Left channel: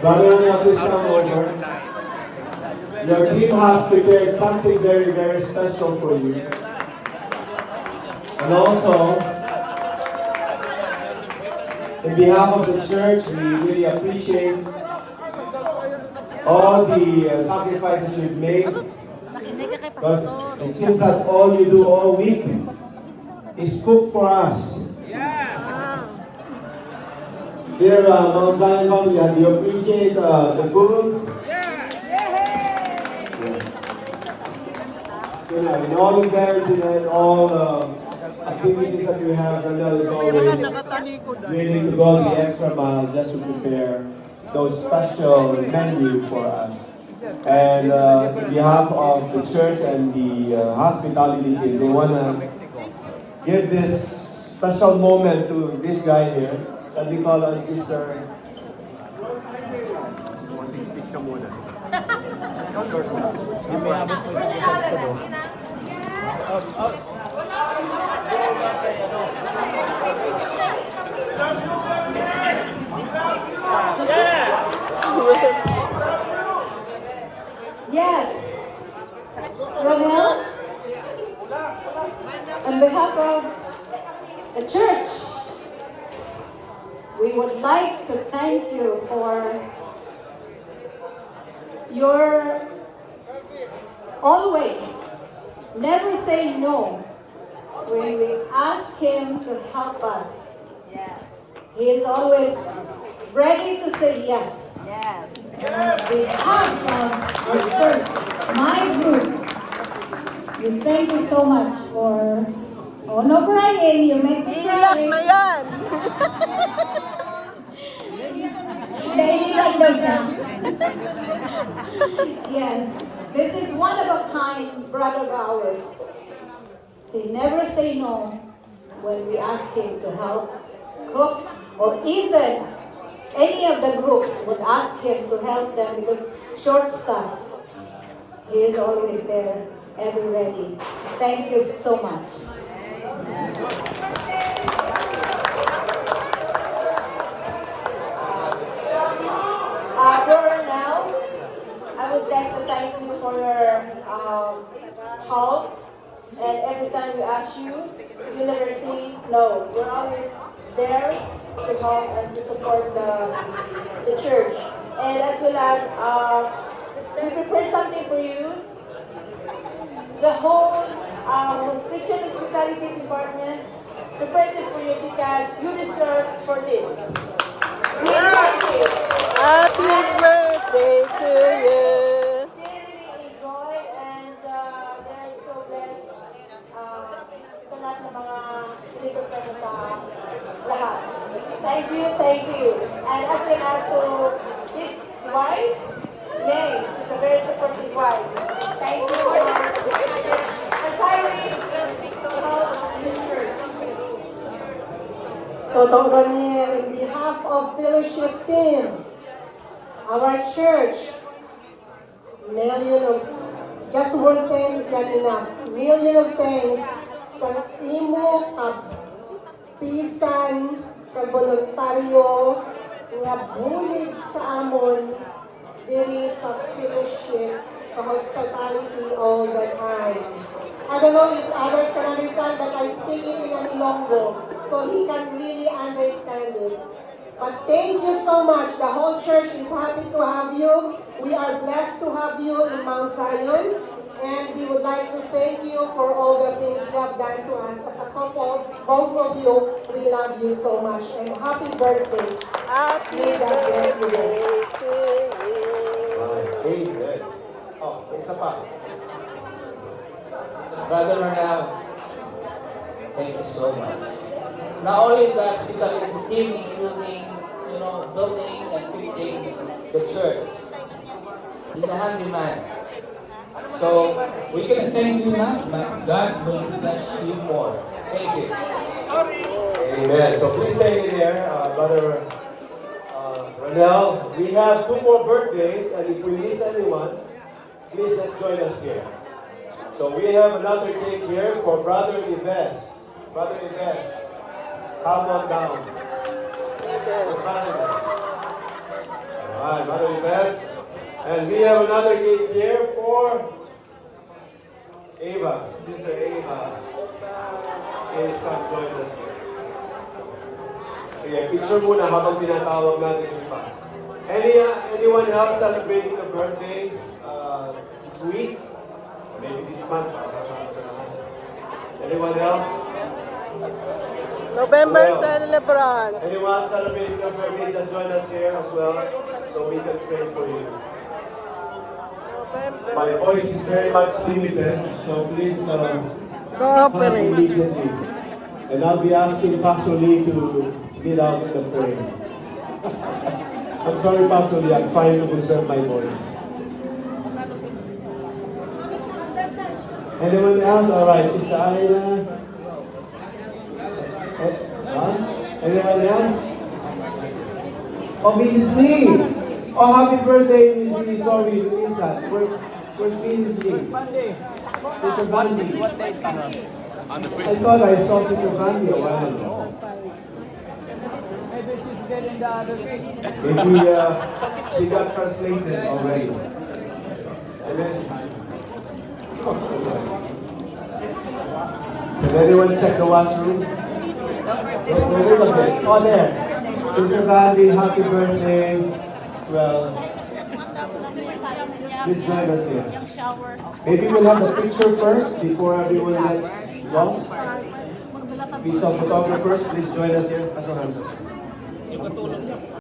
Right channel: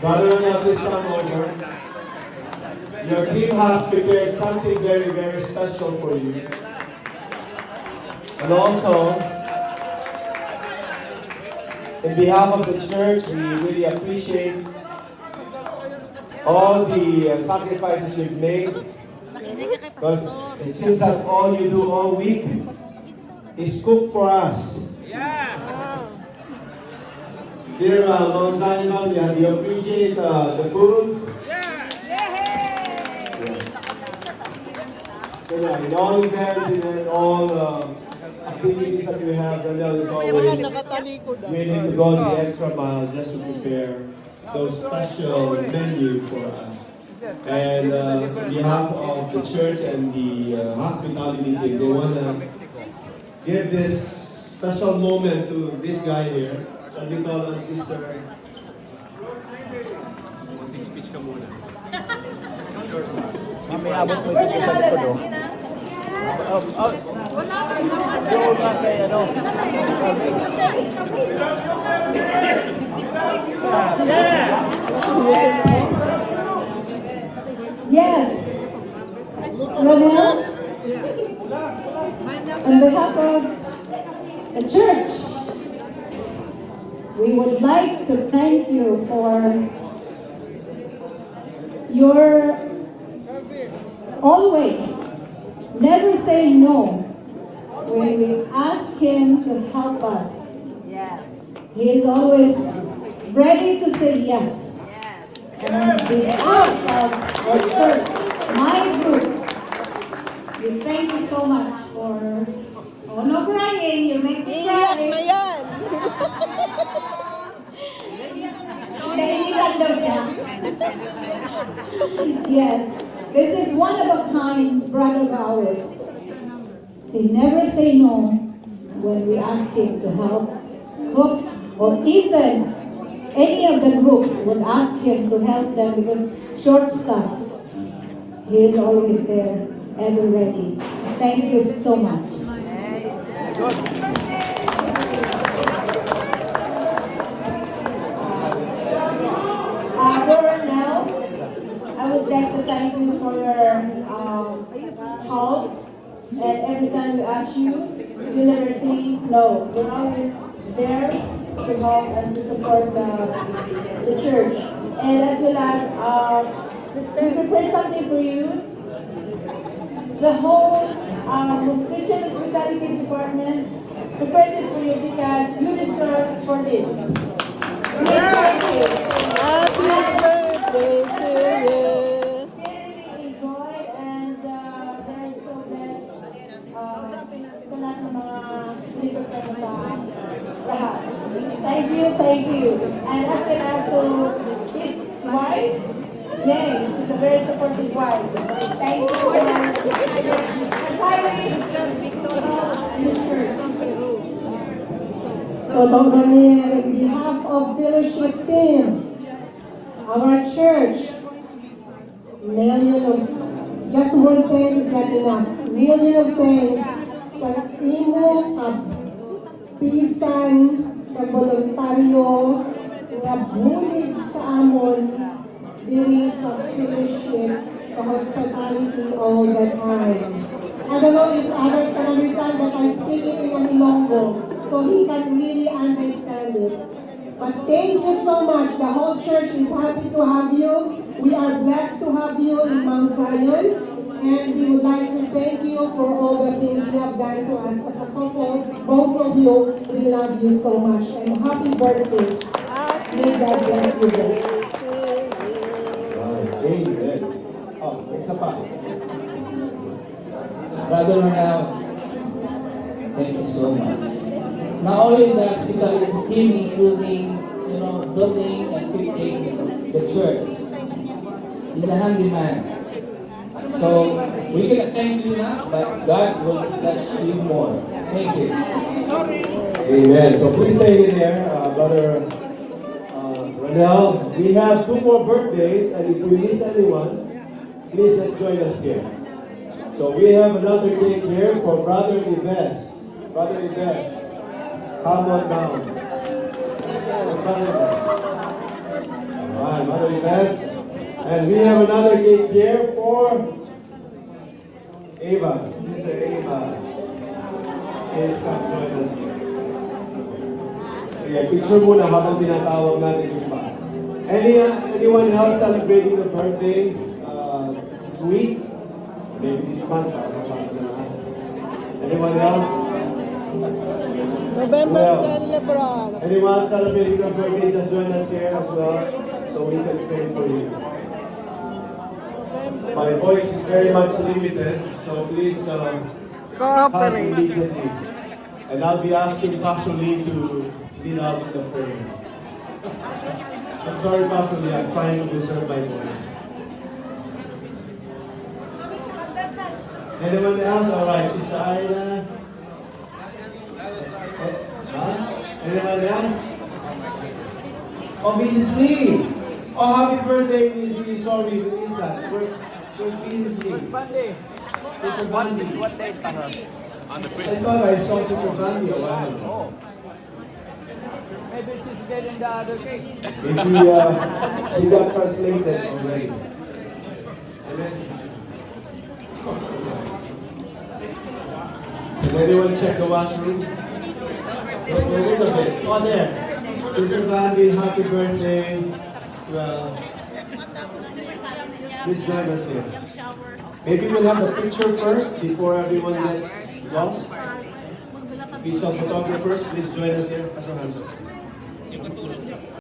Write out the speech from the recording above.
Brother, now please come over. Your team has prepared something very, very special for you. And also, in behalf of the church, we really appreciate all the sacrifices you've made. Because it seems that all you do all week is cook for us. Dear Mount Zion family, do you appreciate the food? So, in all events and all activities that we have, Ronald is always willing to go the extra mile just to prepare those special menu for us. And on behalf of the church and the hospitality team, they want to give this special moment to this guy here. Shall we call on Sister? Konting speech ka muna. Yes, Ronel, on behalf of the church, we would like to thank you for your always never say no when we ask him to help us. Yes. He is always ready to say yes. Yes. And on behalf of our church, my group, we thank you so much for, oh no crying, you make me cry. Nainitan daw siya. Yes, this is one of a kind brother of ours. They never say no when we ask him to help cook, or even any of the groups would ask him to help them because short stuff. He is always there, ever ready. Thank you so much. Now, I would like to thank you for your help. And every time we ask you, you never say no. You're always there to help and to support the church. And as well as, we prepare something for you. The whole Christian Hospitality Department prepared this for you because you deserve for this. Happy birthday to you. They really enjoyed and they're so blessed sa lahat ng mga pinipipre mo sa lahat. Thank you. And as well as to his wife, May, she's a very supportive wife. Thank you so much. And finally, in the church. Totoo Daniel, in behalf of fellowship team, our church, million of, just one thanks is not enough. Million of thanks sa imo pisan na voluntaryo nga bulig sa amon diri sa fellowship, sa hospitality all the time. I don't know if others can understand, but I speak it in Ilonggo, so he can really understand it. But thank you so much. The whole church is happy to have you. We are blessed to have you in Mount Zion. And we would like to thank you for all the things you have done to us as a couple. Both of you, we love you so much. And happy birthday. May God bless you both. Amen. Oh, isa pa. Brother Ronald, thank you so much. Not only the hospitality team, including, building and fixing the church. He's a handyman. So, we can thank you now, but God will bless you more. Thank you. Amen. So please stay in there, Brother Ronel. We have 2 more birthdays, and if we miss anyone, please just join us here. So we have another cake here for Brother Ives. Brother Ives, come on down. Brother Ives. And we have another cake here for Ava, Sister Ava. Please come join us here. Sige, picture muna habang tinatawag natin yung iba. Anyone else celebrating the birthdays this week? Maybe this month. Kasama na lang. Anyone else? November Who else? 10, Lebron. Anyone celebrating their birthday, just join us here as well, so we can pray for you. My voice is very much limited, so please Cooperate. immediately. And I'll be asking Pastor Lee to lead out in the prayer. I'm sorry, Pastor Lee, I'm trying to preserve my voice. Anyone else? All right, Sister Ida. Huh? Anyone else? Oh, Mrs. Lee! Oh, happy birthday, Mrs. Lee. Sorry, who is that? Where's Mrs. Lee? Sister Bandy. I thought I saw Sister Bandy a while ago. Maybe she's getting the other cake. Maybe she got translated already. And then, can anyone check the washroom? Look a bit. Oh, there. Sister Bandy, happy birthday as well. Please join us here. Maybe we'll have a picture first before everyone gets lost. Visual photographers, please join us here. Pastor Hansen.